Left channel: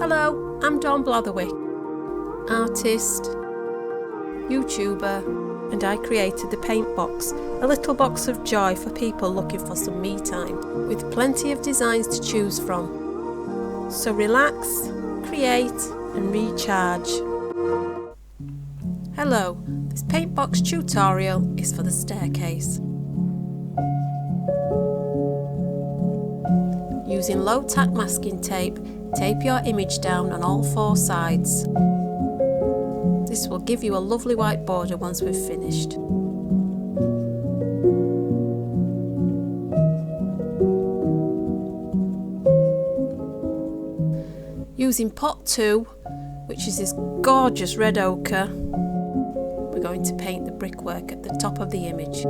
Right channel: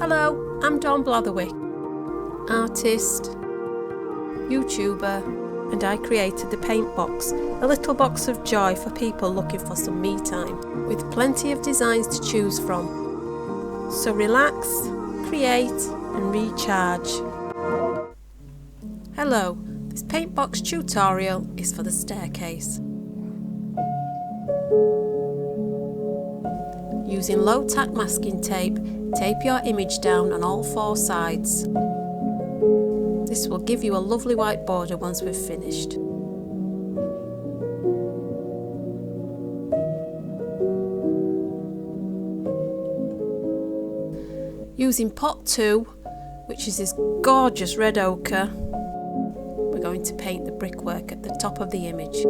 Hello, I'm Dawn Blatherwick, artist, YouTuber, and I created the Paint Box, a little box of joy for people looking for some me time, with plenty of designs to choose from. So relax, create and recharge. Hello, this Paint Box tutorial is for the staircase. Using low tack masking tape, tape your image down on all four sides. This will give you a lovely white border once we've finished. Using pot 2, which is this gorgeous red ochre, we're going to paint the brickwork at the top of the image.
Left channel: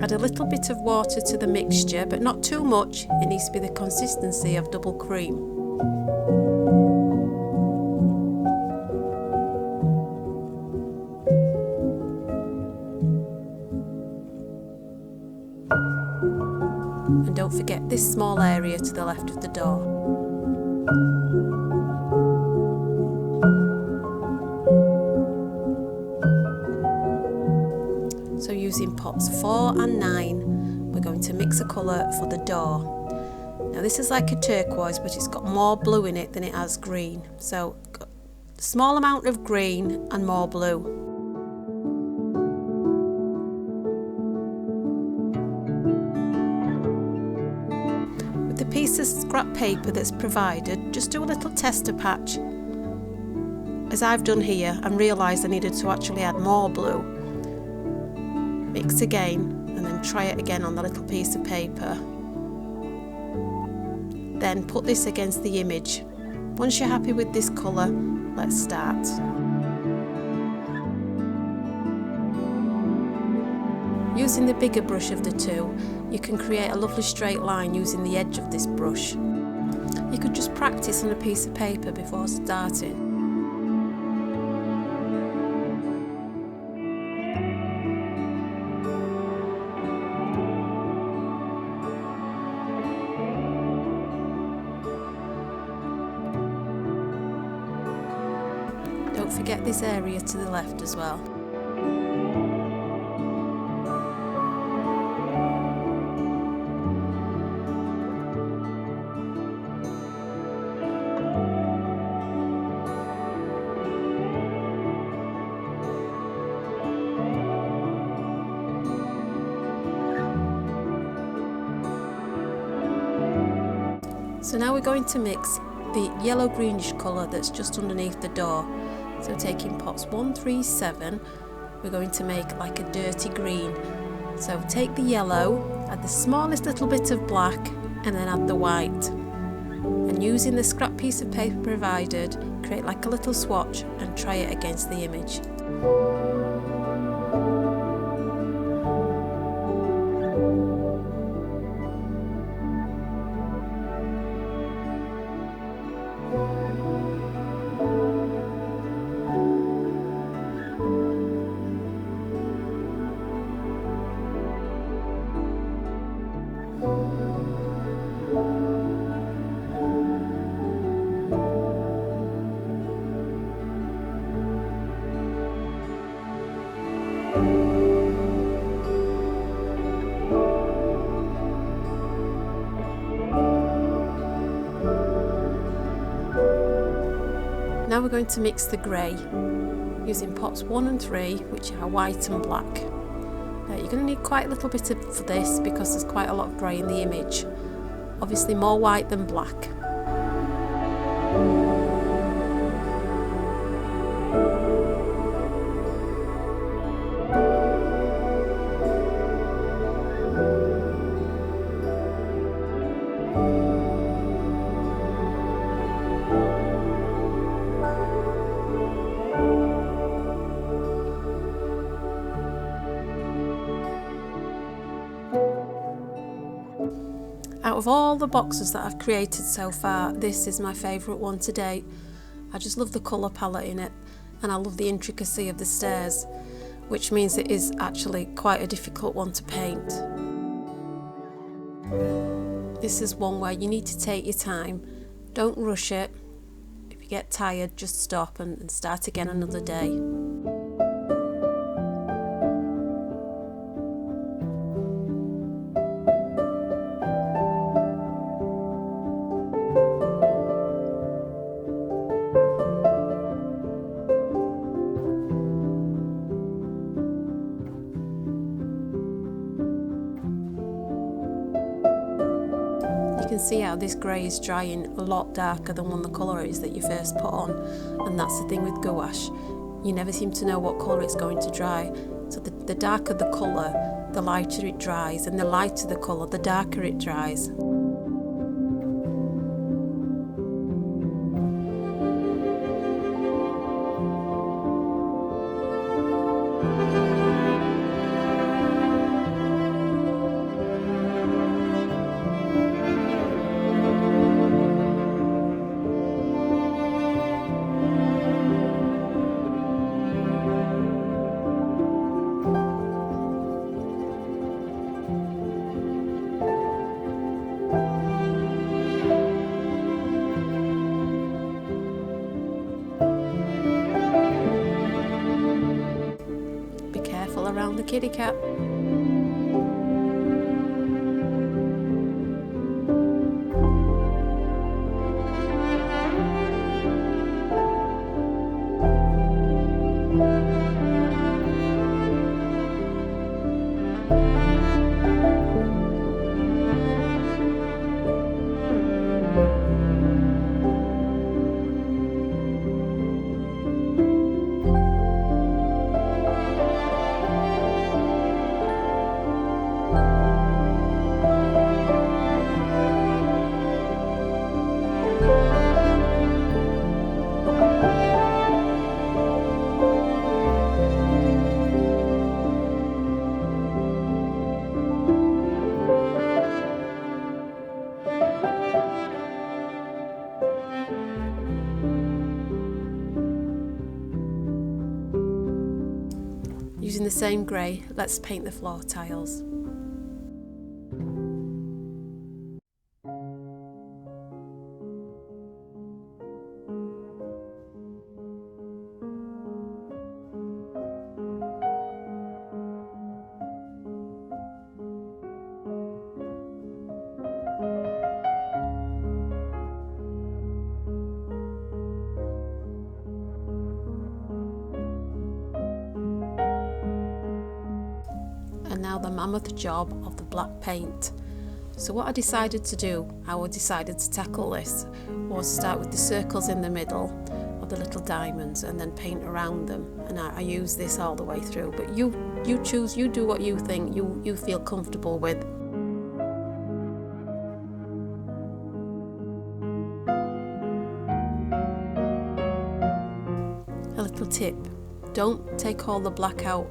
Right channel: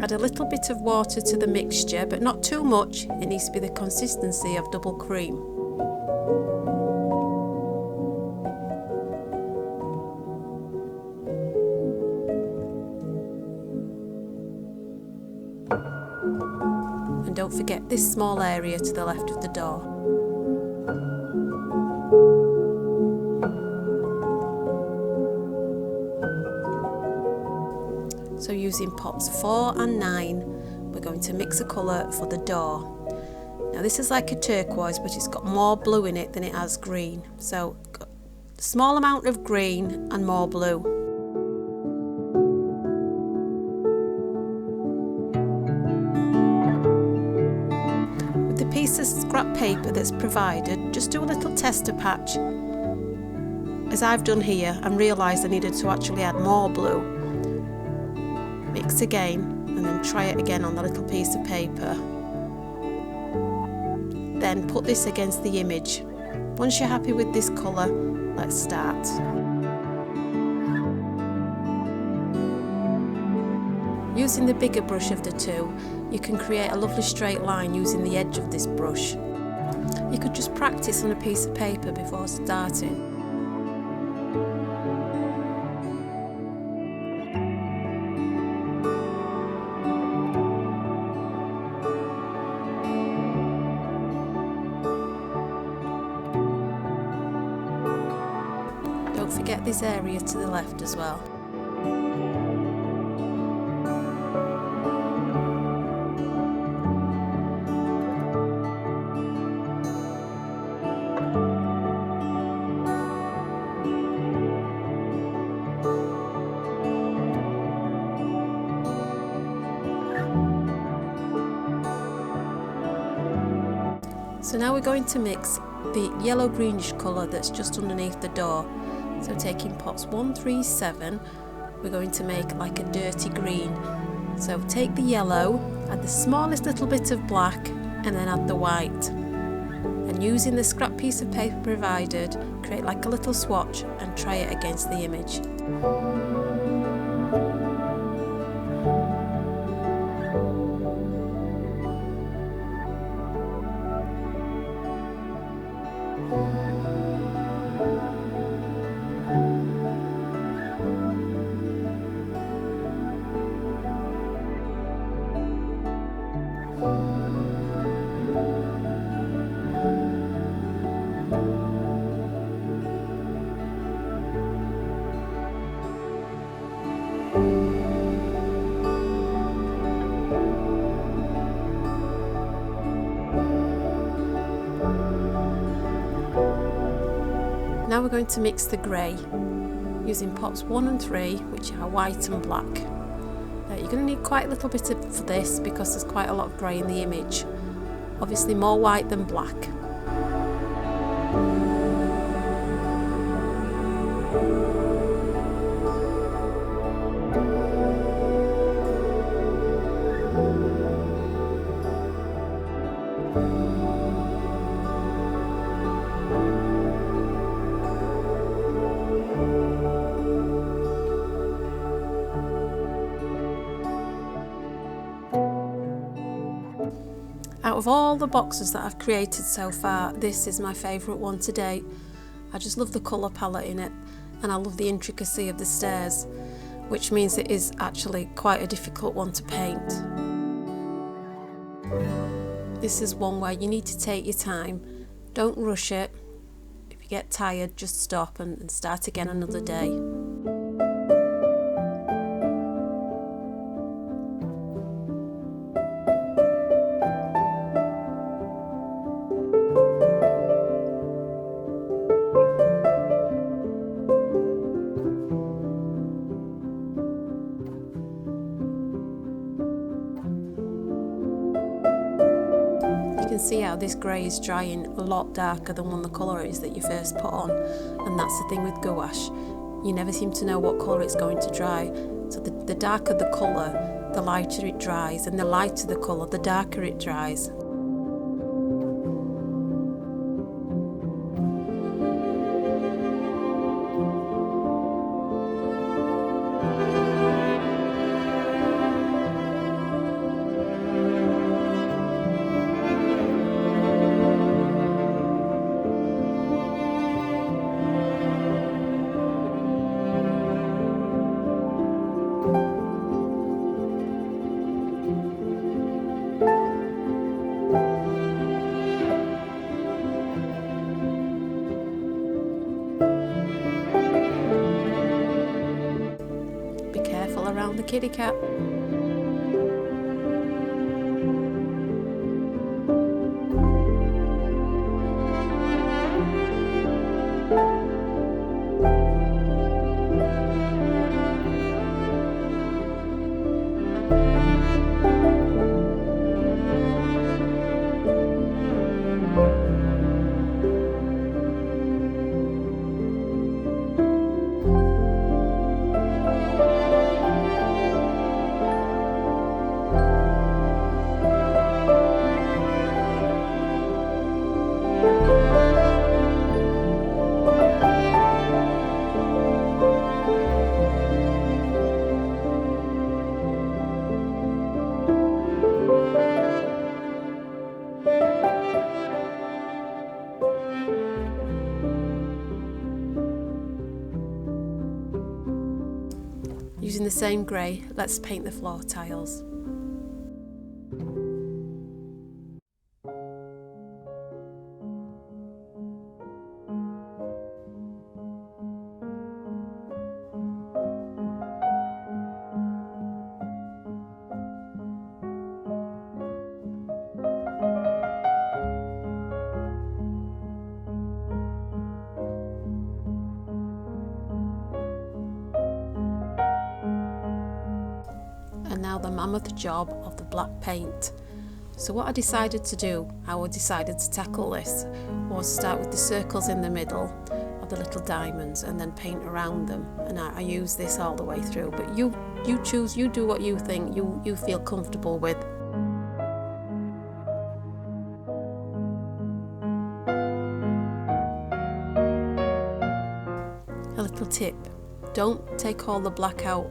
Add a little bit of water to the mixture, but not too much. It needs to be the consistency of double cream. And don't forget this small area to the left of the door. So using pots 4 and 9, we're going to mix a colour for the door. Now this is like a turquoise, but it's got more blue in it than it has green. So a small amount of green and more blue. With the piece of scrap paper that's provided, just do a little tester patch, as I've done here, and realised I needed to actually add more blue. Mix again and then try it again on the little piece of paper. Then put this against the image. Once you're happy with this colour, let's start. Using the bigger brush of the two, you can create a lovely straight line using the edge of this brush. You could just practice on a piece of paper before starting. Don't forget this area to the left as well. So now we're going to mix the yellow greenish colour that's just underneath the door. So taking pots 1, 3, 7, we're going to make like a dirty green. So take the yellow, add the smallest little bit of black, and then add the white. And using the scrap piece of paper provided, create like a little swatch and try it against the image. Now we're going to mix the grey using pots 1 and 3, which are white and black. Now you're going to need quite a little bit for this because there's quite a lot of grey in the image. Obviously more white than black. Out of all the boxes that I've created so far, this is my favourite one to date. I just love the colour palette in it, and I love the intricacy of the stairs, which means it is actually quite a difficult one to paint. This is one where you need to take your time, don't rush it, get tired, just stop and start again another day. You can see how this grey is drying a lot darker than when the colour is that you first put on, and that's the thing with gouache, you never seem to know what colour it's going to dry. So the darker the colour, the lighter it dries, and the lighter the colour, the darker it dries. Careful around the kitty cat. Using the same grey, let's paint the floor tiles. And now the mammoth job of the black paint. So what I decided to do, how I decided to tackle this, was start with the circles in the middle of the little diamonds and then paint around them. And I use this all the way through, but you choose, you do what you think you feel comfortable with. A little tip, don't take all the black out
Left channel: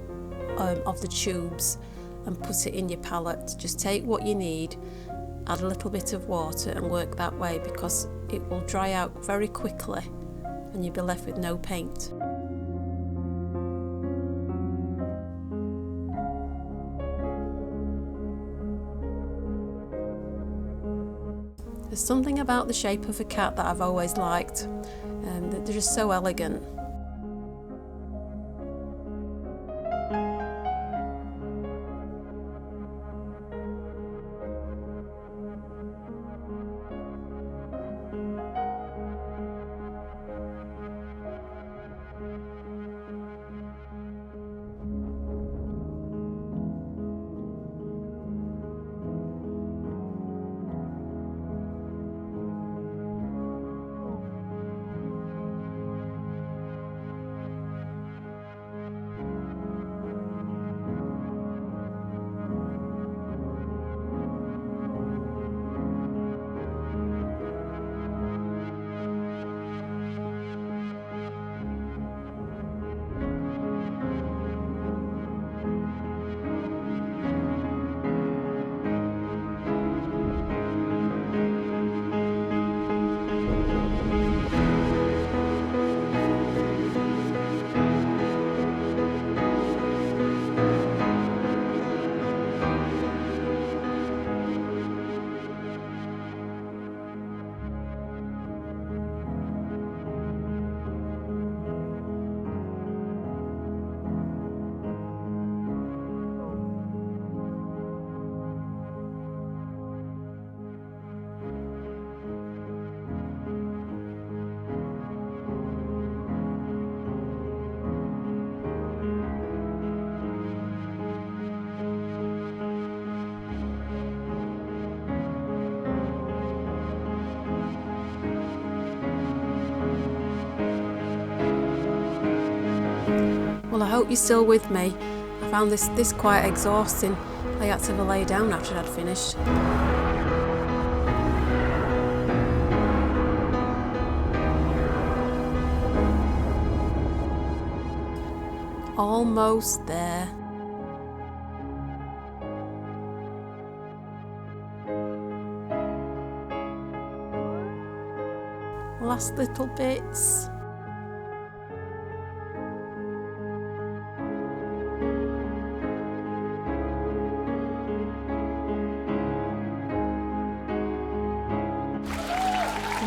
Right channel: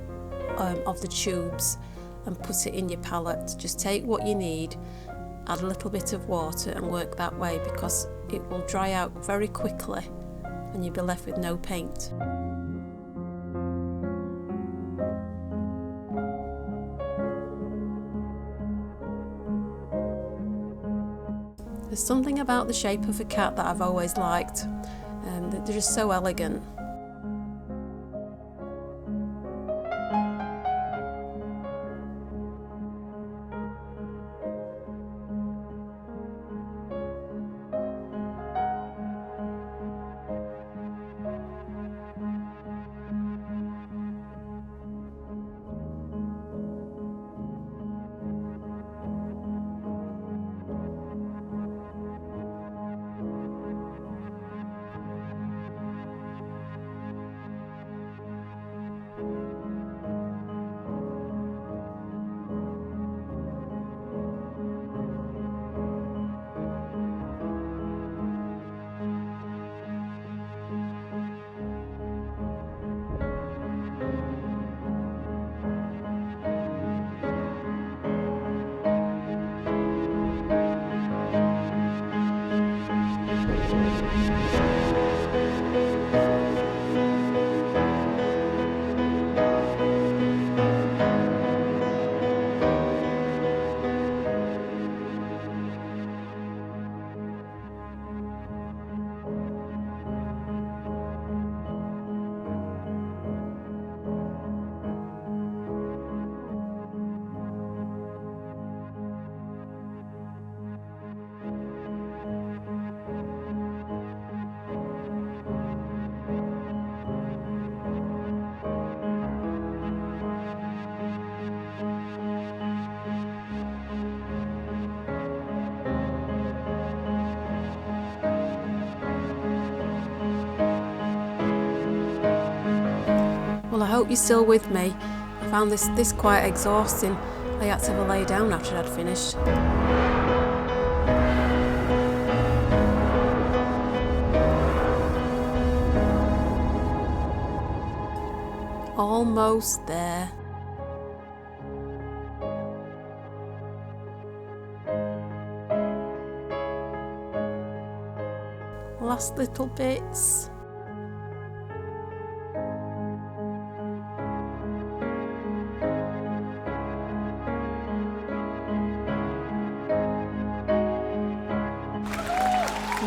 of the tubes and put it in your palette. Just take what you need, add a little bit of water and work that way, because it will dry out very quickly and you'll be left with no paint. There's something about the shape of a cat that I've always liked, and they're just so elegant. Well, I hope you're still with me. I found this quite exhausting. I had to have a lay down after I'd finished. Almost there. Last little bits.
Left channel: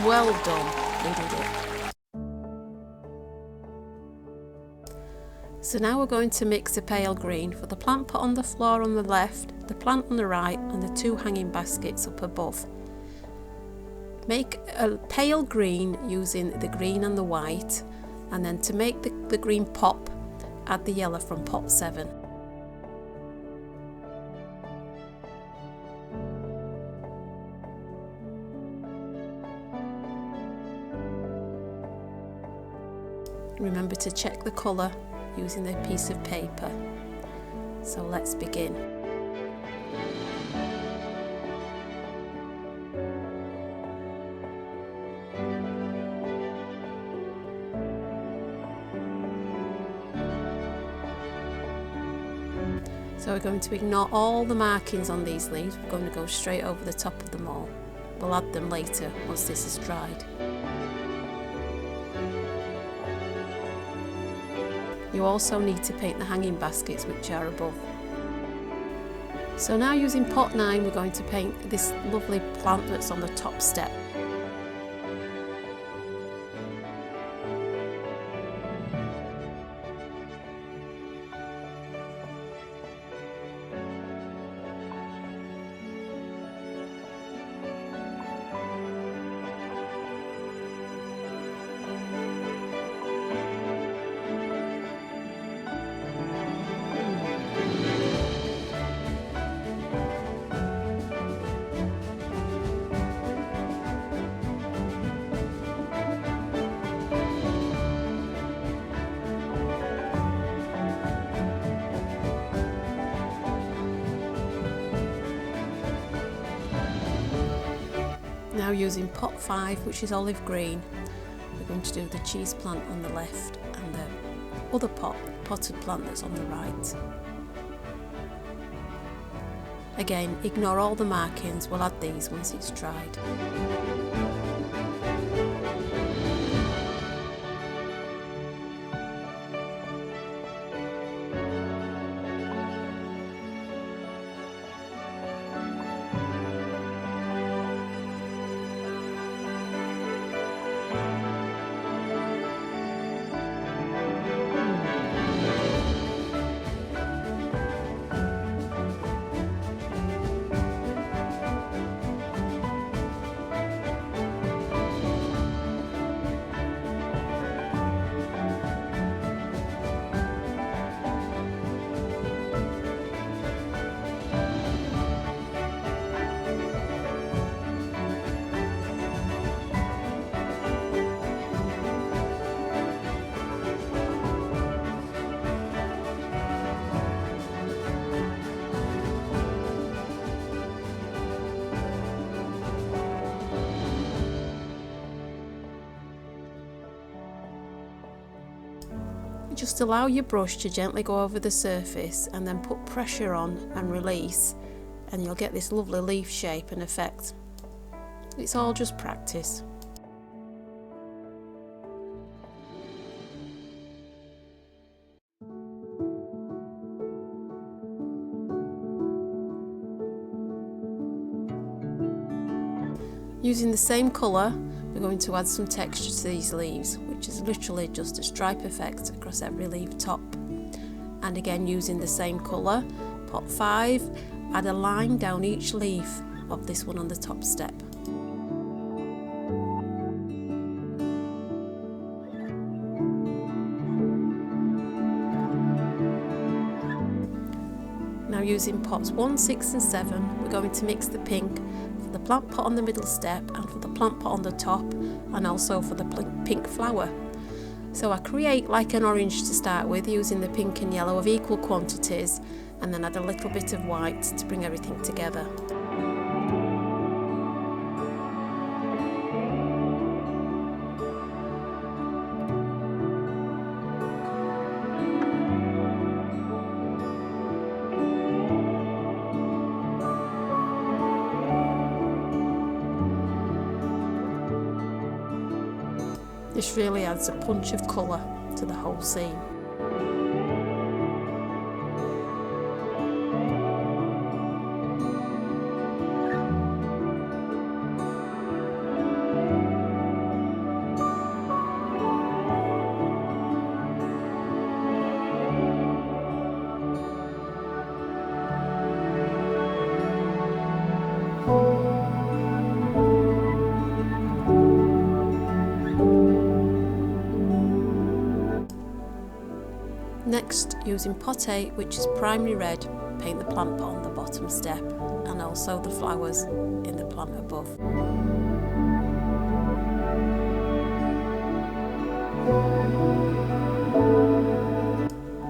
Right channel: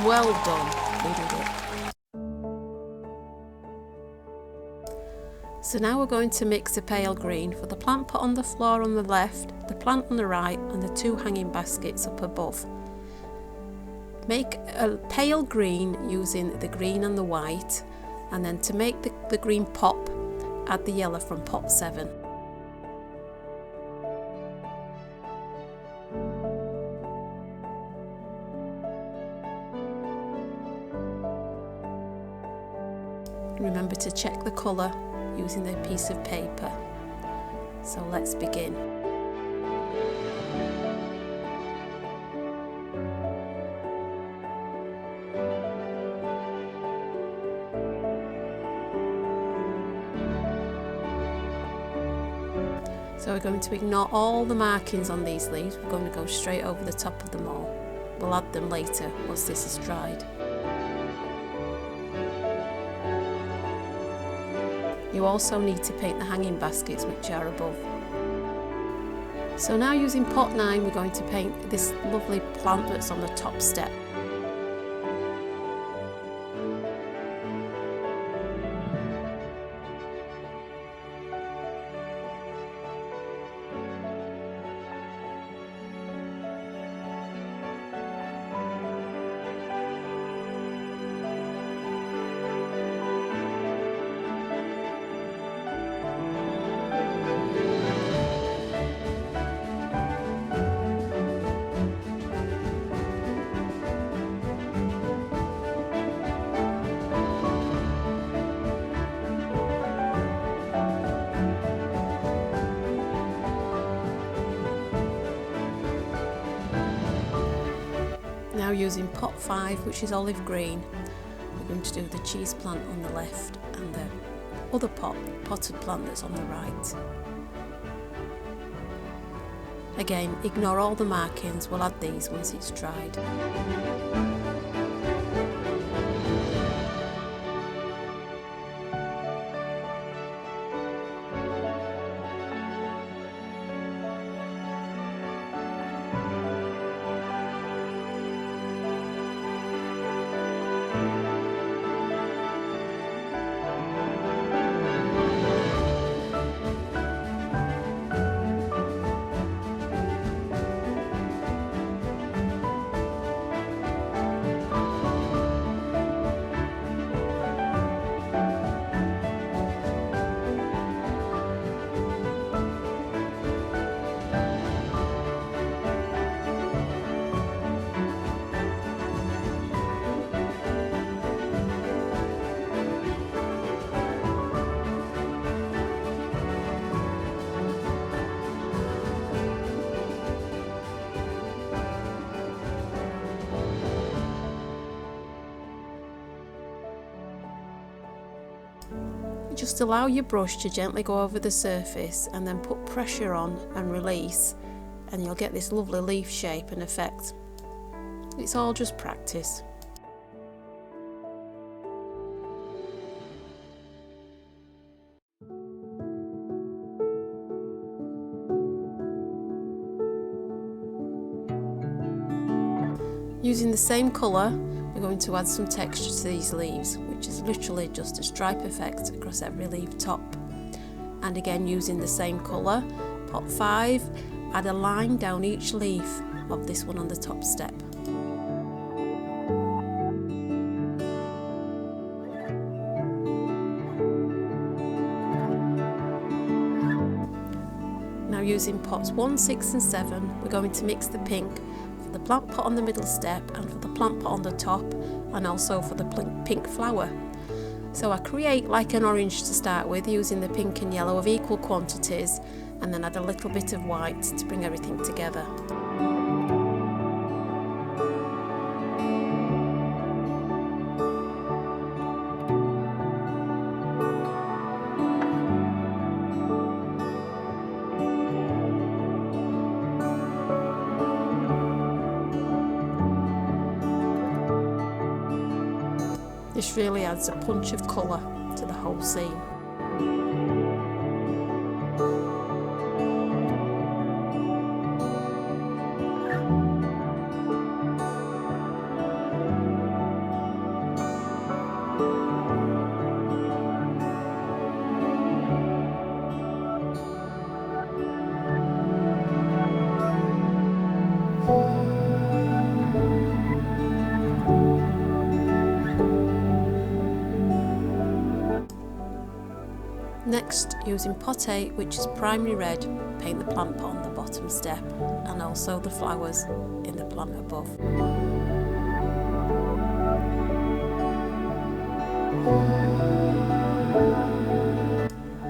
Well done, we did it. So now we're going to mix the pale green for the plant pot on the floor on the left, the plant on the right, and the two hanging baskets up above. Make a pale green using the green and the white, and then to make the green pop, add the yellow from pot 7. Remember to check the colour using the piece of paper. So let's begin. So we're going to ignore all the markings on these leaves. We're going to go straight over the top of them all. We'll add them later once this is dried. You also need to paint the hanging baskets which are above. So now using pot 9 we're going to paint this lovely plant that's on the top step. Now using pot 5, which is olive green, we're going to do the cheese plant on the left and the other potted plant that's on the right. Again, ignore all the markings, we'll add these once it's dried. Just allow your brush to gently go over the surface and then put pressure on and release, and you'll get this lovely leaf shape and effect. It's all just practice. Using the same colour, we're going to add some texture to these leaves, which is literally just a stripe effect across every leaf top. And again, using the same colour, pot 5, add a line down each leaf of this one on the top step. Now using pots 1, 6 and 7, we're going to mix the pink for the plant pot on the middle step and for the plant pot on the top, and also for the pink flower. So I create like an orange to start with, using the pink and yellow of equal quantities, and then add a little bit of white to bring everything together. This really adds a punch of colour to the whole scene. Next, using pot 8, which is primary red, paint the plant pot on the bottom step and also the flowers in the plant above.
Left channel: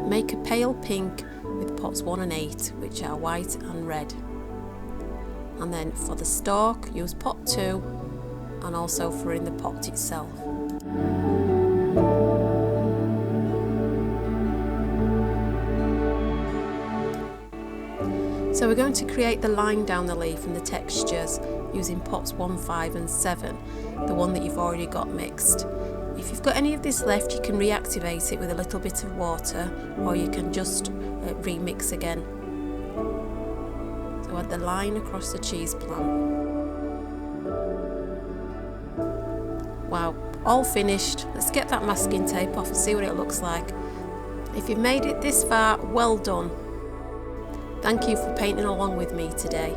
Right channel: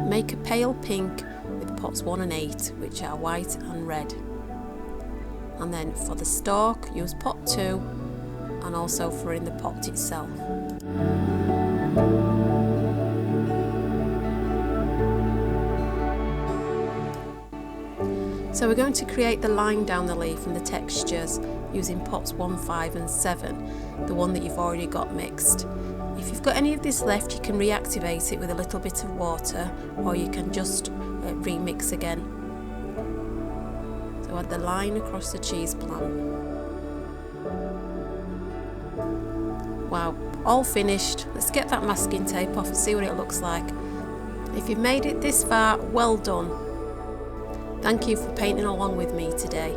Make a pale pink with pots 1 and 8, which are white and red. And then for the stalk, use pot 2 and also for in the pot itself. So we're going to create the line down the leaf and the textures using pots 1, 5 and 7, the one that you've already got mixed. If you've got any of this left, you can reactivate it with a little bit of water, or you can just remix again. So add the line across the cheese plant. Wow, all finished. Let's get that masking tape off and see what it looks like. If you've made it this far, well done. Thank you for painting along with me today.